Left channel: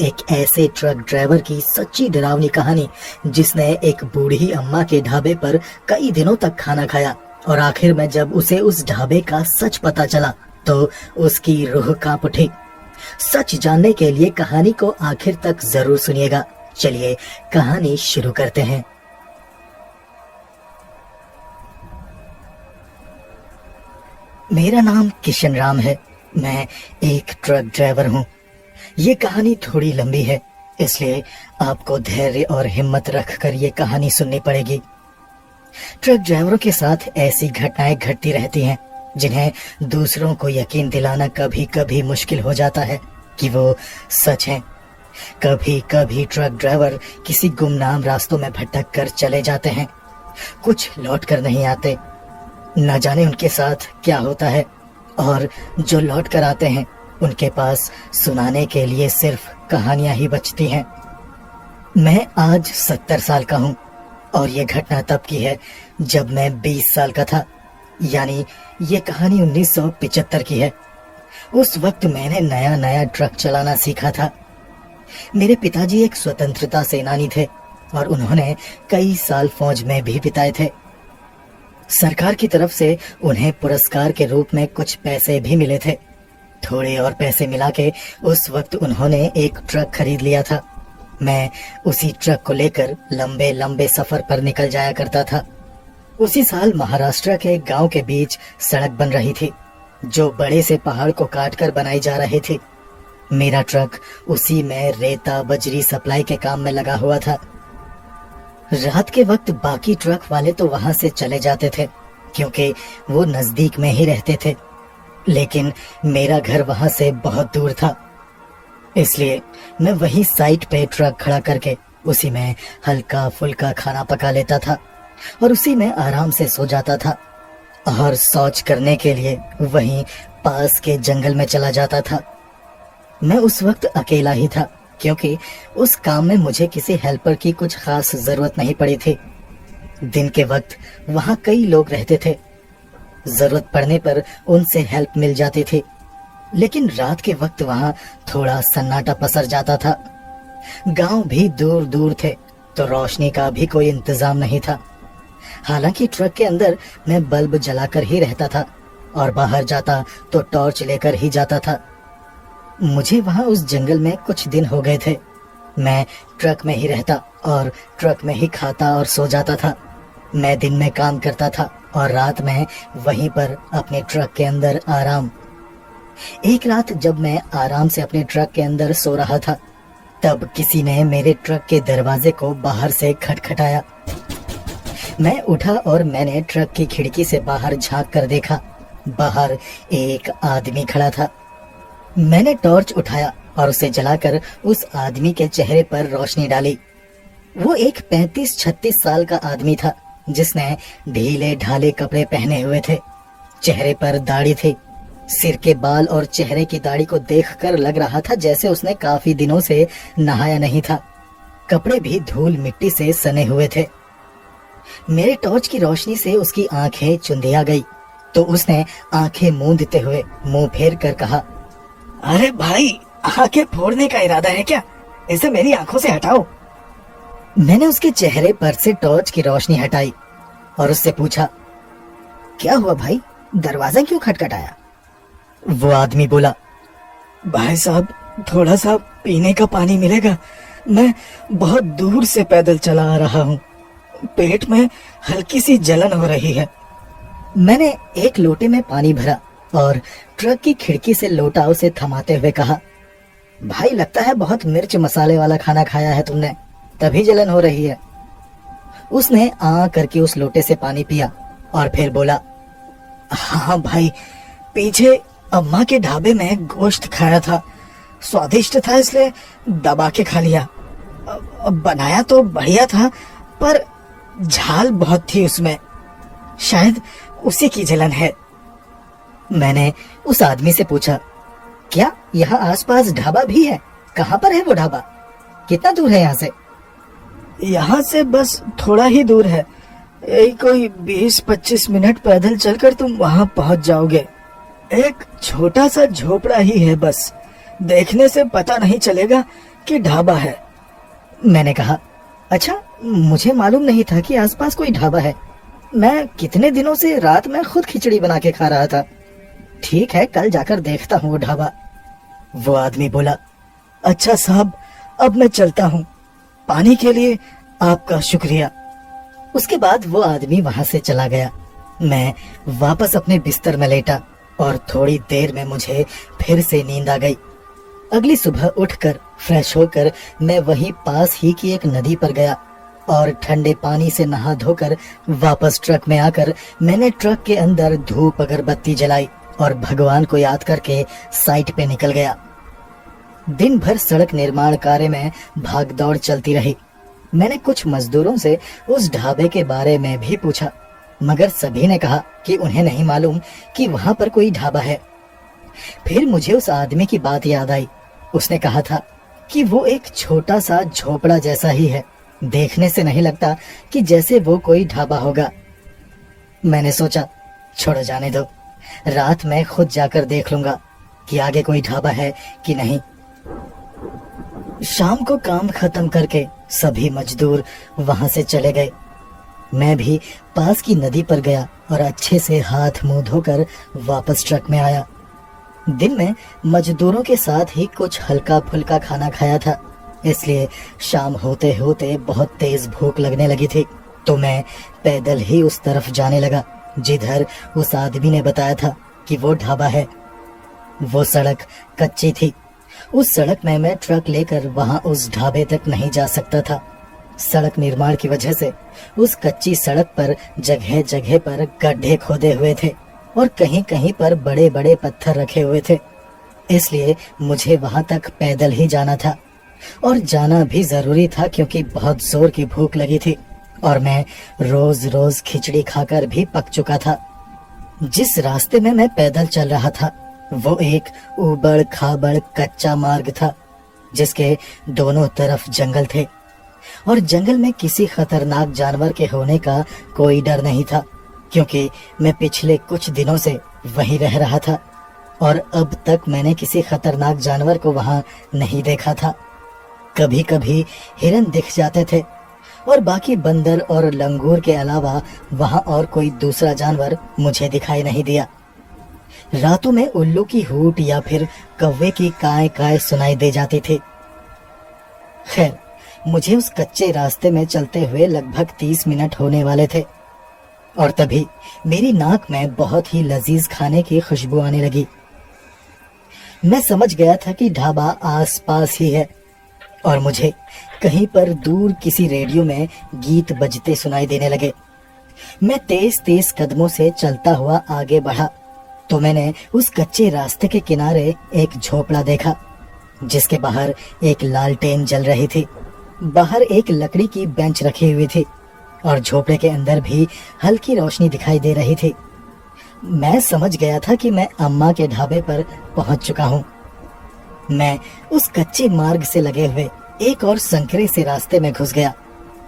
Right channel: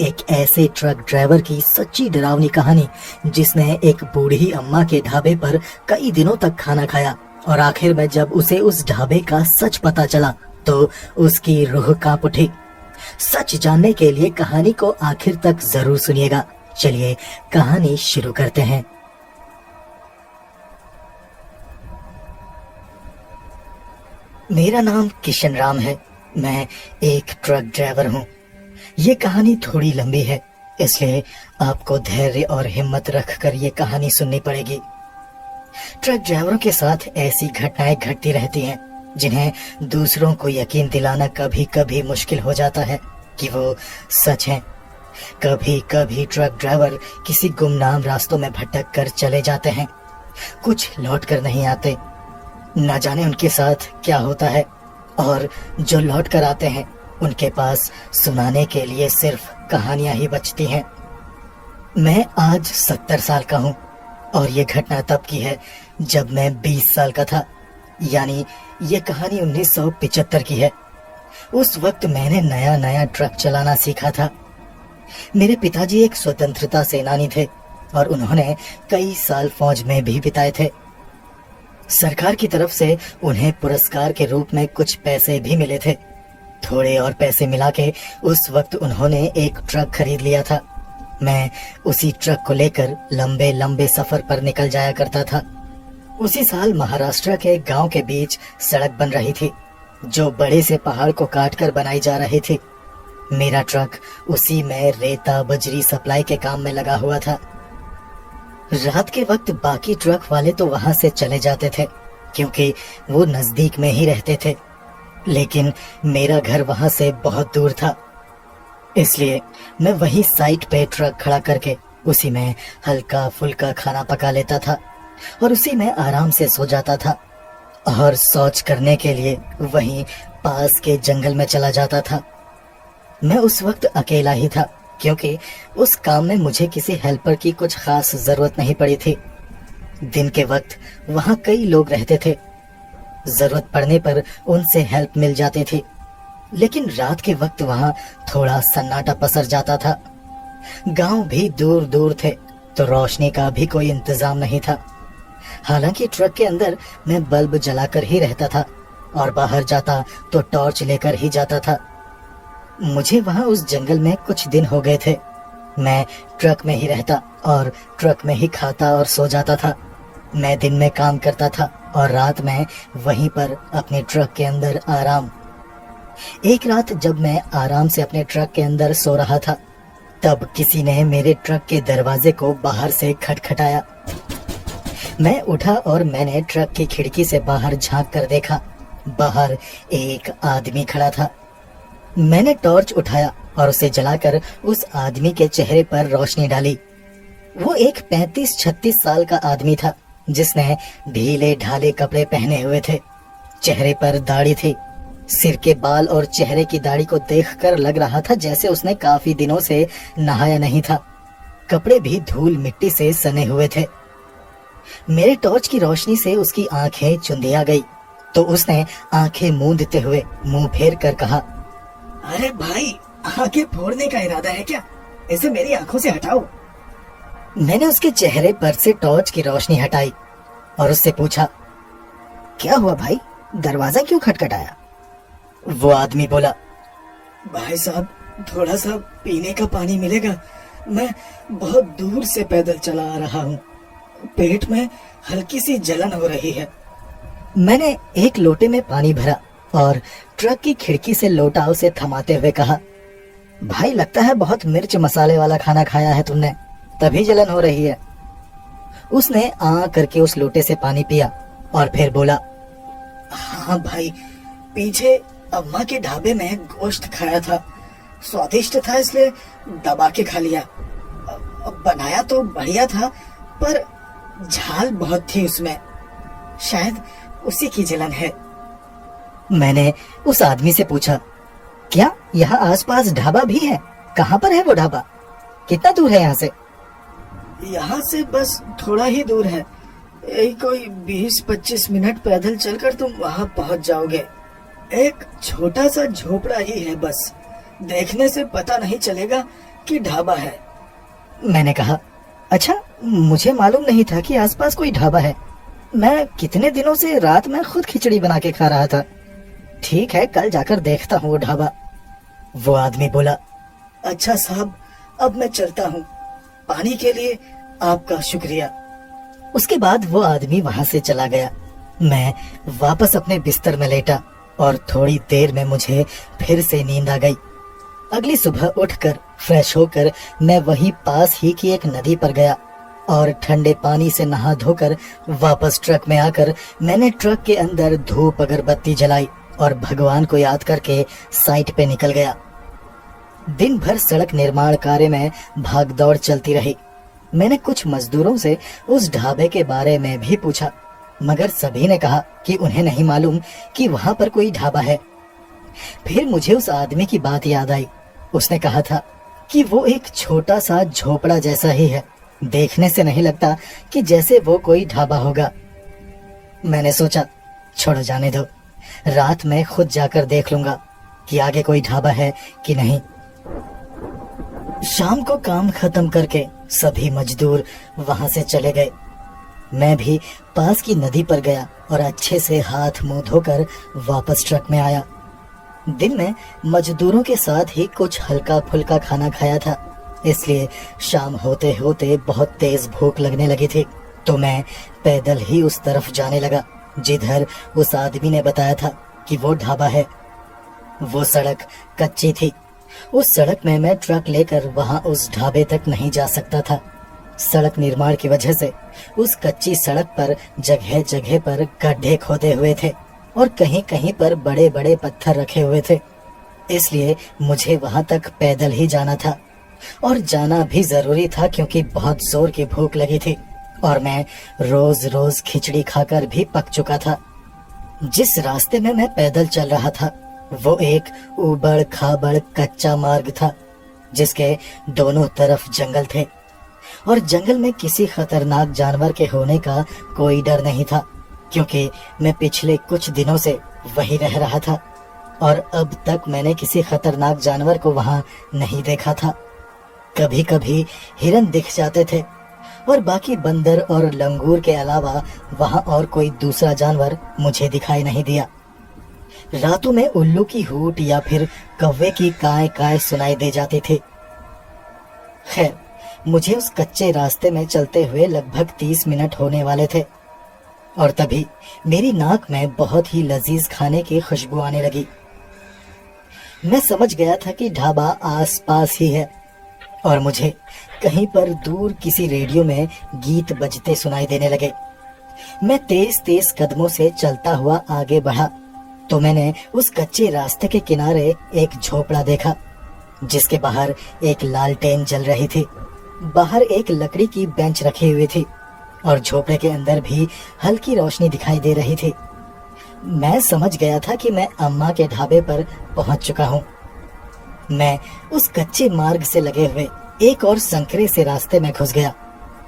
एक ऐसे truck driver की सच्ची डरावनी कहानी जिसने एक बूढ़ी अम्मा के ढाबे पर कई दिनों तक खाना खाया और आखिर में जब उसे उस ढाबे का सच पता चला तो उसकी रूह कांप उठी। सच जानने के लिए कहानी को आखिर तक जरूर सुनिएगा। चलिए कहानी शुरू करते हैं। मेरा नाम किशन राम है। मैं एक ट्रक ड्राइवर हूँ। ये कहानी थोड़ी लंबी है, इसलिए आपको धैर्य और हिम्मत रखकर ये कहानी सुननी पड़ेगी। ट्रक ड्राइवरों के साथ ऐसी घटनाएं घटती रहती हैं जिन्हें दूसरों को यकीन दिलाना कभी कभी मुश्किल हो जाता है कि वो सच हैं। कभी कभी ट्रक ड्राइवर किसी गुमनाम रास्तों में भटक कर चले जाते हैं, कुछ लौट कर नहीं आते। न जाने उनके साथ क्या होता है, और जो लौट कर आते हैं उनके पास सुनाने के लिए सिर्फ कहानियां ही बचती हैं। मैं आज 70 साल का हूँ और ये घटना तब की है जब मैं 20 साल का था, यानी ये कहानी 1975 की है। उस वक्त मैंने नया नया ट्रक चलाना सीखा था। मेरे पिताजी एक स्वतंत्रता सेनानी थे और उन्होंने कई साल फौज में भी बिताए थे। सरकार की तरफ से उन्हें पुरस्कार के रूप में कुछ पैसे भी मिले थे। थोड़े और पैसे मिला के उस वक्त उन्होंने एक ट्रक खरीद लिया था। मैं उसी ट्रक को लेकर लंबे लंबे सफर पर निकल जाया करता था। उसी साल महाराष्ट्र के गांव के बीच सड़क बन रही थी जो बड़े से पहाड़ को काटकर बनाई जा रही थी। मेरा ट्रक उसी में रेता बजरी सप्लाई के काम में लगा हुआ था। रात के वक्त बाकी ट्रक वाले तो वहां से चले जाते थे क्योंकि वो नजदीक में ही रहते थे, लेकिन मेरा घर वहां से बहुत दूर था। इसलिए मैं वही साइट पे ट्रक खड़ा करके उसी में हल्का फुल्का खाना पका लेता था और उसी में आराम से सो जाता था और शौच करने के लिए वहीं पास के जंगल में चला जाता था। मैं उस वक्त अकेला ही था क्योंकि उस काम में मुझे किसी हेल्पर की कुछ खास जरूरत नहीं पड़ी थी। दिन के वक्त वहां कई लोग रहते थे, जरूरत पड़ने पर उनसे हेल्प मिल जाती थी, लेकिन रात के वक्त वहां थोड़ा सन्नाटा पसर जाता था। गांव भी दूर दूर थे तो रोशनी का भी कोई इंतजाम नहीं था। हालांकि ट्रक के अंदर मैं बल्ब जलाकर ही रहता था और बाहर जाता तो टॉर्च लेकर ही जाता था। मुझे वहां उस जंगल में कुछ दिन हो गए थे। मैं ट्रक में ही रहता और ट्रक में ही खाता और सो जाता था। मैं दिन में काम करता था और रात में वहीं पर अपने ट्रक के अंदर आराम। एक रात जब मैं आराम से अपने ट्रक के अंदर सो रहा था तब किसी ने मेरे ट्रक के दरवाजे को बाहर से खटखटाया। मैं उठा और मैंने ट्रक की खिड़की से बाहर झांक कर देखा। बाहर एक आदमी खड़ा था। मैंने टॉर्च उठाया और उसे जलाकर उस आदमी के चेहरे पर रोशनी डाली। वो एक 35-36 साल का आदमी था जिसने ढीले ढाले कपड़े पहने हुए थे। चेहरे पर दाढ़ी थी। सिर के बाल और चेहरे की दाढ़ी को देखकर लग रहा था जैसे उसने काफी दिनों से नहाया नहीं था। कपड़े भी धूल मिट्टी से सने हुए थे। मेरे टॉर्च की रोशनी से उसकी आंखें चुंधिया गई तो उसने आंखें मूंदते हुए मुंह फेर कर कहा, अरे भाई, आंखें फोड़ने का इरादा है क्या? इसे मेरी आंखों से हटाओ। मैंने उसके चेहरे पर से टॉर्च की रोशनी हटाई और उससे पूछा, क्या हुआ भाई, दरवाजा क्यों खटखटाया? वो आदमी बोला, भाई साहब, थोड़ा सा पीने का पानी मिलेगा? मैं बहुत दूर से पैदल चला आ रहा हूँ, पेट में हल्की सी जलन हो रही है। मैंने एक लोटे में पानी भरा और ट्रक की खिड़की से लोटा उसे थमाते हुए कहा, भाई लगता है बहुत मिर्च मसाले वाला खाना खाया है तुमने, तभी जलन हो रही है। उसने आ करके उस लोटे से पानी पिया और फिर बोला, हाँ भाई, पीछे अम्मा के ढाबे में गोश्त खाया था, स्वादिष्ट था इसलिए दबा के खा लिया। बनाया तो बढ़िया था पर झाल बहुत थी उसमें, शायद उसी की जलन है। मैंने उस आदमी से पूछा, क्या यहाँ आसपास ढाबा भी है? कहाँ पर है वो ढाबा? कितना दूर है यहाँ से? यहाँ से बस थोड़ा ही दूर है, कोई 20-25 मिनट पैदल चलकर तुम वहाँ पहुँच जाओगे। एक छोटा सा झोपड़ा ही है बस, देखने से पता नहीं चलेगा कि ढाबा है। मैंने कहा, अच्छा, मुझे मालूम नहीं था कि आसपास कोई ढाबा है। मैं कितने दिनों से रात में खुद खिचड़ी बना के खा रहा था। ठीक है, कल जाकर देखता हूँ वो ढाबा। वो आदमी बोला, अच्छा साहब, अब मैं चलता हूँ। पानी के लिए आपका शुक्रिया। उसके बाद वो आदमी वहां से चला गया। मैं वापस अपने बिस्तर में लेटा और थोड़ी देर में मुझे फिर से नींद आ गई। अगली सुबह उठकर फ्रेश होकर मैं वहीं पास ही की एक नदी पर गया और ठंडे पानी से नहा धोकर वापस ट्रक में आकर मैंने ट्रक के अंदर धूप अगरबत्ती जलाई और भगवान को याद करके साइट पे निकल गया। दिन भर सड़क निर्माण कार्य में भागदौड़ चलती रही। मैंने कुछ मजदूरों से उस ढाबे के बारे में भी पूछा, मगर सभी ने कहा कि उन्हें नहीं मालूम कि वहां पर कोई ढाबा है। फिर मुझे उस आदमी की बात याद आई। उसने कहा था कि वो एक छोटा सा झोपड़ा जैसा ही है, देखने से नहीं लगता कि जैसे वो कोई ढाबा होगा। मैंने सोचा, छोड़ो जाने दो, रात में खुद जाकर देख लूंगा कि आगे कोई ढाबा है कि नहीं। शाम को काम खत्म करके सभी मजदूर वहां से चले गए। मैं भी पास की नदी पर गया और अच्छे से हाथ मुंह धोकर वापस ट्रक में आया। दिन में मजदूरों के साथ ही कुछ हल्का फुल्का खाना खाया था, इसलिए शाम होते होते बहुत तेज भूख लगने लगी थी। तो मैं पैदल ही उस तरफ जाने लगा जिधर उस आदमी ने बताया था कि वो ढाबा है। वो सड़क कच्ची थी। उस सड़क में मैं ट्रक लेकर वहां उस ढाबे तक नहीं जा सकता था। सड़क निर्माण की वजह से उस कच्ची सड़क पर जगह जगह पर गड्ढे खोदे हुए थे और कहीं कहीं पर बड़े बड़े पत्थर रखे हुए थे। इसलिए मुझे वहां तक पैदल ही जाना था और जाना भी जरूरी था, क्योंकि बहुत जोर की भूख लगी थी और मैं रोज रोज खिचड़ी खाकर भी पक चुका था। जिस रास्ते में मैं पैदल चल रहा था वो एक उबड़ खाबड़ कच्चा मार्ग था, जिसके दोनों तरफ जंगल थे और जंगल में किसी खतरनाक जानवर के होने का कोई डर नहीं था, क्योंकि मैं पिछले कुछ दिनों से वहीं रह रहा था और अब तक मैंने किसी खतरनाक जानवर को वहां नहीं देखा था। कभी कभी हिरन दिख जाते थे और बाकी बंदर और लंगूर के अलावा वहां और कोई दूसरा जानवर मुझे दिखाई नहीं दिया। रातों में उल्लू की हूट या फिर कौवे की काय काय सुनाई दे जाती थी। खैर, मुझे उस कच्चे रास्ते में चलते हुए लगभग 30 मिनट होने वाले थे और तभी मेरी नाक में बहुत ही लजीज खाने की खुशबू आने लगी। मैं समझ गया था कि ढाबा आसपास ही है और मुझे कहीं पर दूर किसी रेडियो में गीत बजते सुनाई देने लगे। मैं तेज तेज कदमों से चलता हुआ आगे बढ़ा तो मैंने उस कच्चे रास्ते के किनारे एक झोपड़ा देखा, जिसके बाहर एक लालटेन जल रही थी। बाहर एक लकड़ी की बेंच रखी हुई थी और झोपड़े के अंदर भी हल्की रोशनी दिखाई दे रही थी। मैं समझ गया था कि मैं अम्मा के ढाबे पर पहुंच चुका हूं। मैं उस कच्चे मार्ग से लगे हुए एक और संकरे से रास्ते में घुस गया।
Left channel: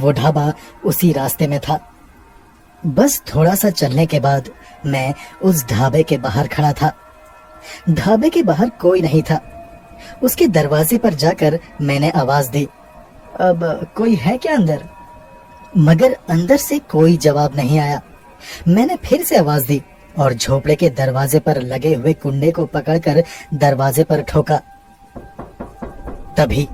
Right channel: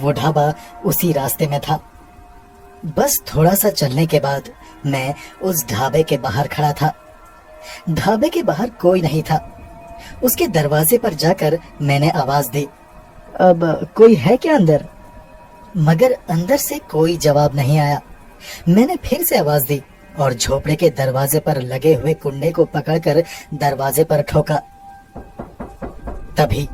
वो ढाबा उसी रास्ते में था। बस थोड़ा सा चलने के बाद मैं उस ढाबे के बाहर खड़ा था। ढाबे के बाहर कोई नहीं था। उसके दरवाजे पर जाकर मैंने आवाज दी, अब कोई है क्या अंदर? मगर अंदर से कोई जवाब नहीं आया। मैंने फिर से आवाज दी और झोपड़े के दरवाजे पर लगे हुए कुंडे को पकड़कर दरवाजे पर ठोका। तभी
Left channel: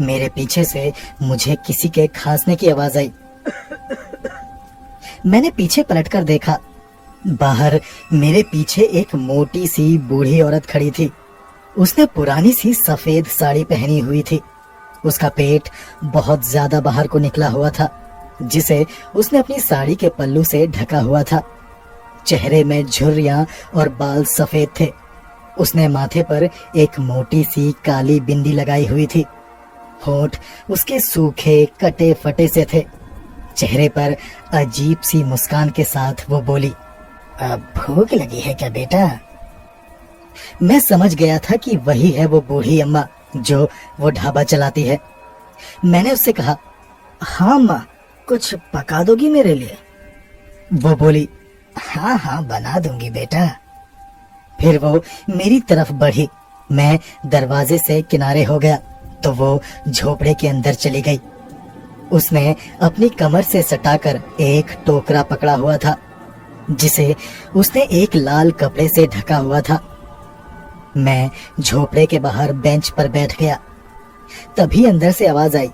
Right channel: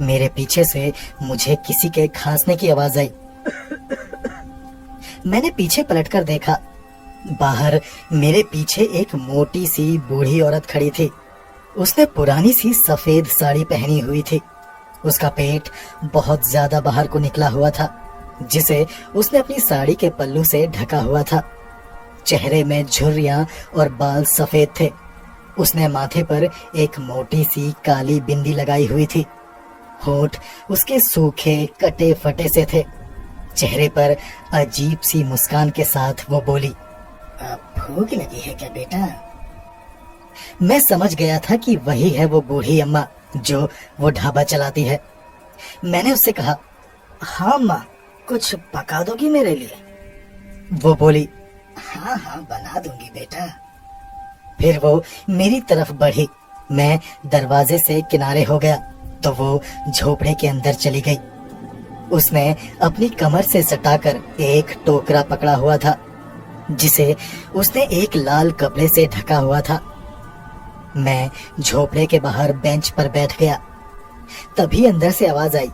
मेरे पीछे से मुझे किसी के खांसने की आवाज आई। मैंने पीछे पलटकर देखा। बाहर मेरे पीछे एक मोटी सी बूढ़ी औरत खड़ी थी। उसने पुरानी सी सफेद साड़ी पहनी हुई थी। उसका पेट बहुत ज्यादा बाहर को निकला हुआ था, जिसे उसने अपनी साड़ी के पल्लू से ढका हुआ था। चेहरे में झुर्रियां और बाल सफेद थे। उसने माथे पर एक मोटी सी काली बिंदी लगाई हुई थी। होंठ उसके सूखे कटे फटे से थे। चेहरे पर अजीब सी मुस्कान के साथ वो बोली, अब भूख लगी है क्या बेटा? मैं समझ गया था कि वही है वो बूढ़ी अम्मा जो वो ढाबा चलाती है। मैंने उससे कहा, हाँ माँ, कुछ पका दोगी मेरे लिए? वो बोली, हाँ हाँ बना दूंगी बेटा। फिर वो मेरी तरफ बढ़ी। मैं दरवाजे से किनारे हो गया तो वो झोपड़े के अंदर चली गई। उसने अपनी कमर से सटाकर एक टोकरा पकड़ा हुआ था, जिसे उसने एक लाल कपड़े से ढका हुआ था। मैं झोपड़े के बाहर बेंच पर बैठ गया। तभी अंदर से आवाज आई,